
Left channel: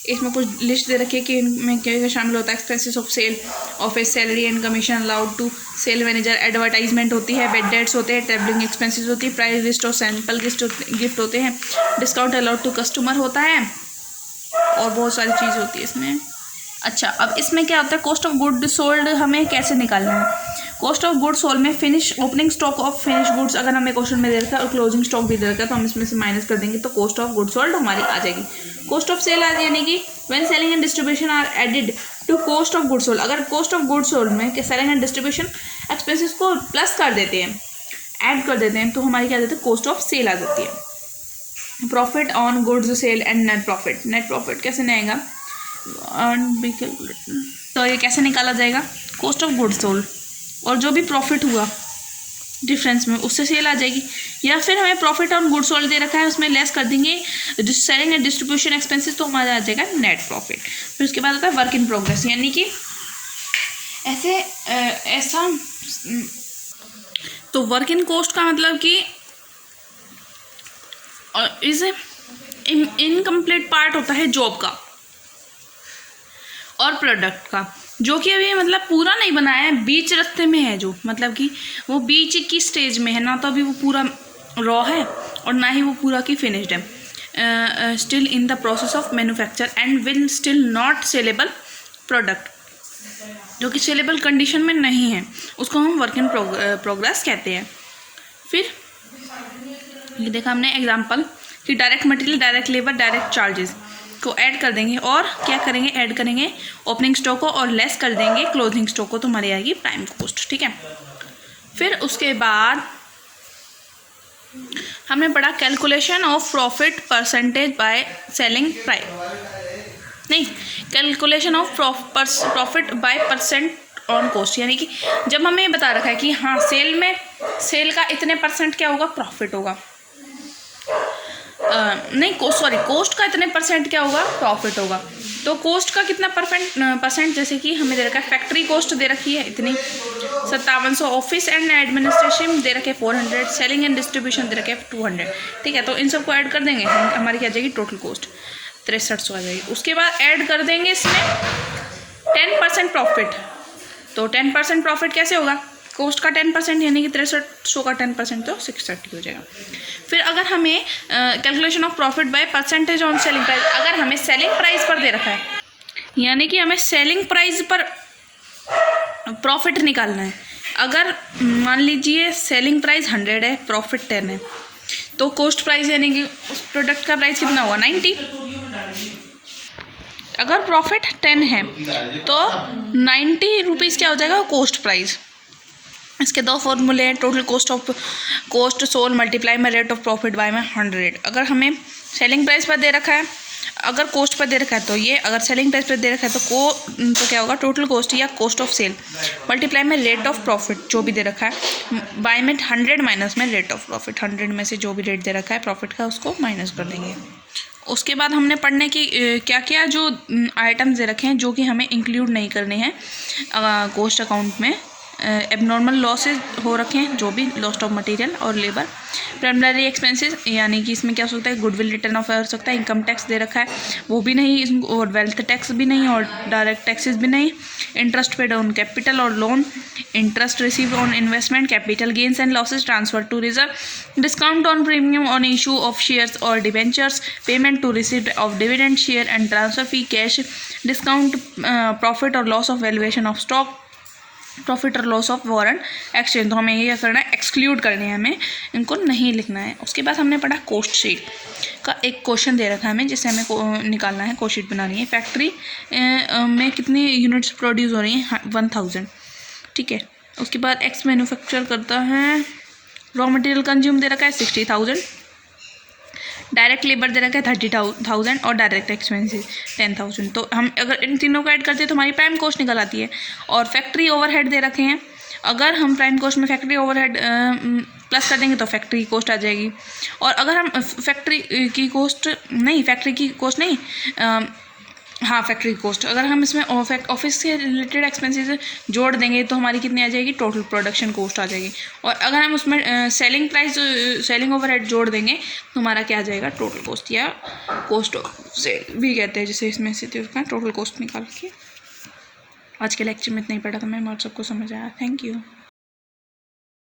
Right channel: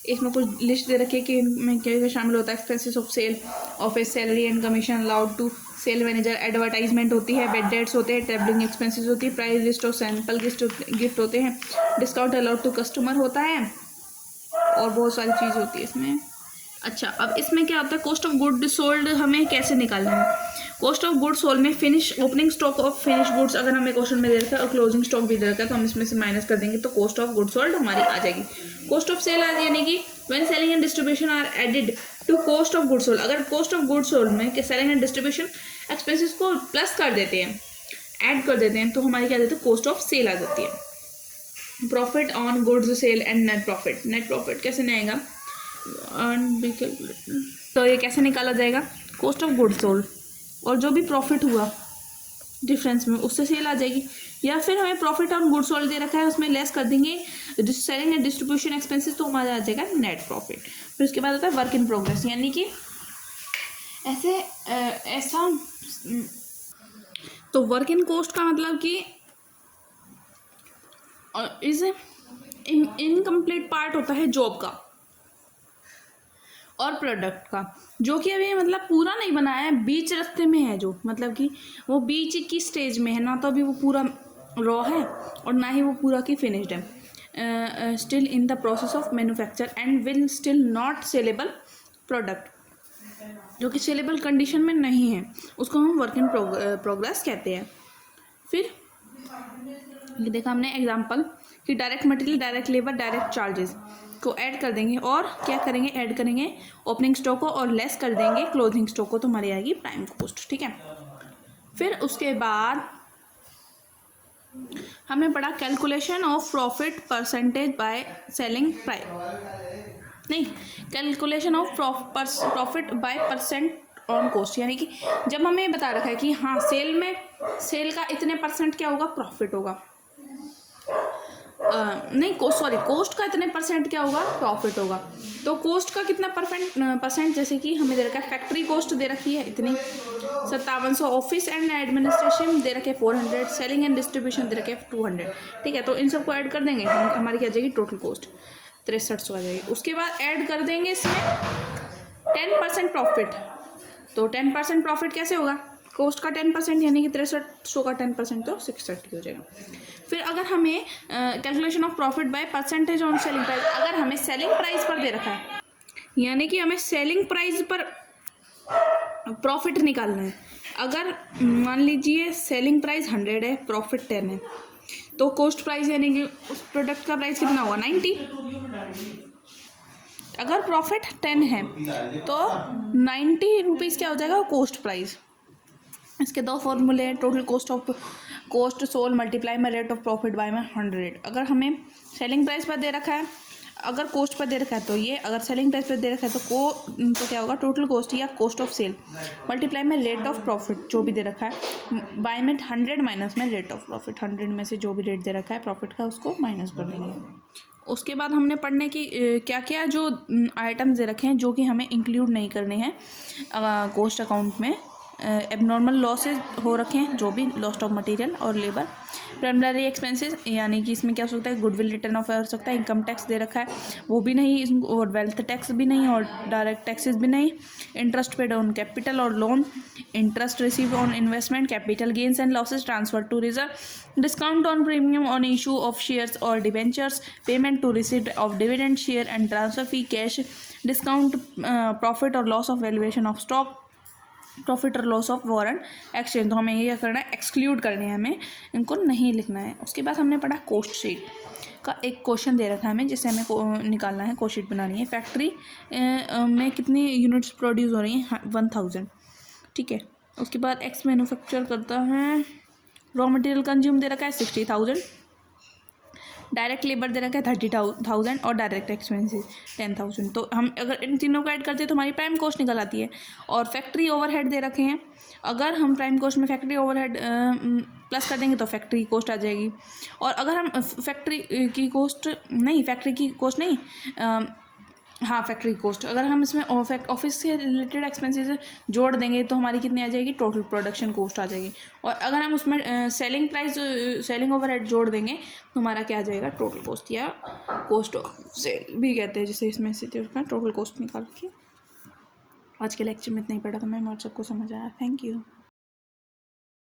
इसमें कुछ लिस्ट दे रखी है कि इनमें क्या शामिल होता है, expenses of sale, office salary and commission allowed to sale manager, advertisement होती है, बेड डेट्स होते हैं, ट्रैवलिंग एक्सपेंसेस होती है, प्राइस लिस्ट और सैंपल गिफ्ट होते हैं, डिस्काउंट अलाउड टू कस्टमर होता है और बहुत सारी चीज़ होती है इसमें। अच्छा अब इसमें क्या होता है, कॉस्ट ऑफ गुड सोल्ड हमें कैसे निकालना है। कॉस्ट ऑफ गुड सोल्ड में finish opening stock of finish goods अगर हमें क्वेश्चन में दे रखा है और क्लोजिंग स्टॉक भी दे रखा है तो हम इसमें से माइनस कर देंगे तो कॉस्ट ऑफ गुड सोल्ड हमारी आ जाएगी। कॉस्ट ऑफ सेल यानी कि when selling and distribution are added to cost of good sold, अगर कॉस्ट ऑफ गुड सोल्ड में सेलिंग एंड डिस्ट्रीब्यूशन एक्सपेंसेस को प्लस कर देते हैं, ऐड कर देते हैं तो हमारी क्या जाती है कॉस्ट ऑफ सेल आ जाती है। Profit on goods sale and net profit, net profit कैसे नहीं आएगा, तो ये कैसे निकाला जाएगा, कॉस्ट ऑफ गुड्स सोल्ड और जो भी प्रॉफिट हुआ डिफरेंस में उससे सेल आ जाएगी, या फिर हमें प्रॉफिट ऑन गुड्स सोल्ड दे रखा है उसमें लेस कर देंगे सेलिंग एंड डिस्ट्रीब्यूशन एक्सपेंसेस तो हमारा आ जाएगा नेट प्रॉफिट। फिर उसके बाद होता है वर्क इन प्रोग्रेस, यानी कि ऐसा तो वर्क इन कॉस्ट का मतलब कि इस इनकम्प्लीट पार्ट होता है जॉब का और प्रोडक्ट का, जो कि अभी मतलब पूरा नहीं बनाया है, बीच रास्ते में है, जो मतलब कि वो बीच की स्टेज में है, ना तो अभी वो पूरा रॉ है और ना ही वो पूरा की फिनिश्ड है, still in the process of manufacture and will still not saleable product, जो कि सेलेबल कंडीशन में नहीं है, उसको हम वर्क इन प्रोग्रेस कहते हैं। फिर ये देखा हमने एग्जाम्पल कि direct material, direct labour, direct charges को ऐड कर देंगे और क्या करेंगे, ऐड करेंगे ओपनिंग स्टॉक को और लेस कर देंगे क्लोजिंग स्टॉक को, तो हमारी आएगी प्राइम कॉस्ट। ठीक है, फिर उसके बाद हमने पढ़ा calculation of profit percentage by selling price, नहीं calculation of profit by percent on cost, यानी कि जब हमें बता रखा है कि हाँ सेल का इतने परसेंट क्या होगा प्रॉफिट होगा, कॉस्ट का इतने परसेंट क्या होगा प्रॉफिट होगा, तो कॉस्ट का कितना परसेंट जैसे कि हमें दे रखा है फैक्ट्री कॉस्ट दे रखी है इतनी 5700, ऑफिस एंड एडमिनिस्ट्रेशन दे रखे 400, सेलिंग एंड डिस्ट्रीब्यूशन दे रखे 200। ठीक है, तो इन सबको ऐड कर देंगे हमारी क्या आ जाएगी टोटल कॉस्ट। 6300 आ जाएगी। उसके बाद ऐड कर देंगे इसमें 10% प्रॉफिट। तो 10% प्रॉफिट कैसे होगा, कॉस्ट का 10% यानी कि 6300 का 10% तो 630 हो जाएगा। फिर अगर हमें calculation of profit by percentage on selling price, अगर हमें सेलिंग प्राइस पर दे रखा है, यानी कि हमें सेलिंग प्राइस पर प्रॉफिट निकालना है। अगर मान लीजिए सेलिंग प्राइस 100 है, प्रॉफिट 10 है, तो कॉस्ट प्राइस यानी कि उस प्रोडक्ट का प्राइस कितना होगा 90। अगर प्रॉफिट 10 है तो 90 रुपीज़ क्या हो जाएगा कॉस्ट प्राइस। इसके दो फॉर्मूले हैं, टोटल कॉस्ट सोल्ड मल्टीप्लाई में रेट ऑफ प्रॉफिट बाय में 100। अगर हमें सेलिंग प्राइस पर दे रखा है, अगर कॉस्ट पर दे रखा है तो ये, अगर सेलिंग प्राइस पर दे रखा है तो क्या होगा टोटल कॉस्ट या कॉस्ट ऑफ सेल मल्टीप्लाई में रेट ऑफ प्रॉफिट जो भी दे रखा है बाय में 100 माइनस में रेट ऑफ प्रॉफिट। 100 में से जो भी रेट दे रखा है प्रॉफिट का उसको माइनस कर देंगे। उसके बाद हमने पढ़ने की क्या क्या जो आइटम्स दे रखे हैं जो कि हमें इंक्लूड नहीं करने हैं कॉस्ट अकाउंट में। एबनॉर्मल लॉसेज हो रखे हैं जो भी लॉस्ट ऑफ मटेरियल और लेबर। प्राइमरी एक्सपेंसेस यानी कि इसमें क्या होता है गुडविल रिटर्न ऑफ हो सकता है, इनकम टैक्स दे रखा है वो भी नहीं, और वेल्थ टैक्स भी नहीं, और डायरेक्ट टैक्सेस भी नहीं। इंटरेस्ट पेड ऑन कैपिटल और loan, interest receive on investment, capital gains and losses transfer to reserve, discount on premium on issue of shares और debentures, payment to received of dividend share and transfer fee, cash discount, profit और loss of valuation of stock, profit और loss of warrant exchange. तो हमें ये करना है, exclude करने हैं, हमें इनको नहीं लिखना है। उसके बाद हमने पढ़ा कॉस्ट शीट का एक क्वेश्चन दे रखा है हमें जिससे हमें निकालना है, कॉस्ट शीट बनानी है। फैक्ट्री में कितनी यूनिट्स प्रोड्यूस हो रही हैं 1000, ठीक है। उसके बाद एक्स मैन्युफैक्चर करता है, रॉ मटेरियल कंज्यूम दे रखा है 60,000, डायरेक्ट लेबर दे रखा है 30,000 और डायरेक्ट एक्सपेंसेस 10,000। तो हम अगर इन तीनों को ऐड करते हैं तो हमारी प्राइम कॉस्ट निकल आती है। और फैक्ट्री ओवरहेड दे रखे हैं, अगर हम प्राइम कॉस्ट में फैक्ट्री ओवरहेड प्लस कर देंगे तो फैक्ट्री कॉस्ट आ जाएगी। और अगर हम फैक्ट्री की कॉस्ट नहीं हाँ फैक्ट्री कॉस्ट, अगर हम इसमें ऑफिस से रिलेटेड एक्सपेंसेस जोड़ देंगे तो हमारी कितनी आ जाएगी टोटल प्रोडक्शन कॉस्ट आ जाएगी। और अगर हम उसमें सेलिंग ओवरहेड जोड़ देंगे तो हमारा क्या आ जाएगा टोटल कॉस्ट, या कॉस्ट सेल भी कहते हैं जिसे इसमें से टोटल कॉस्ट निकाल के। आज के लेक्चर में इतना ही पढ़ा था मैं, आप सबको समझ आया। Thank you.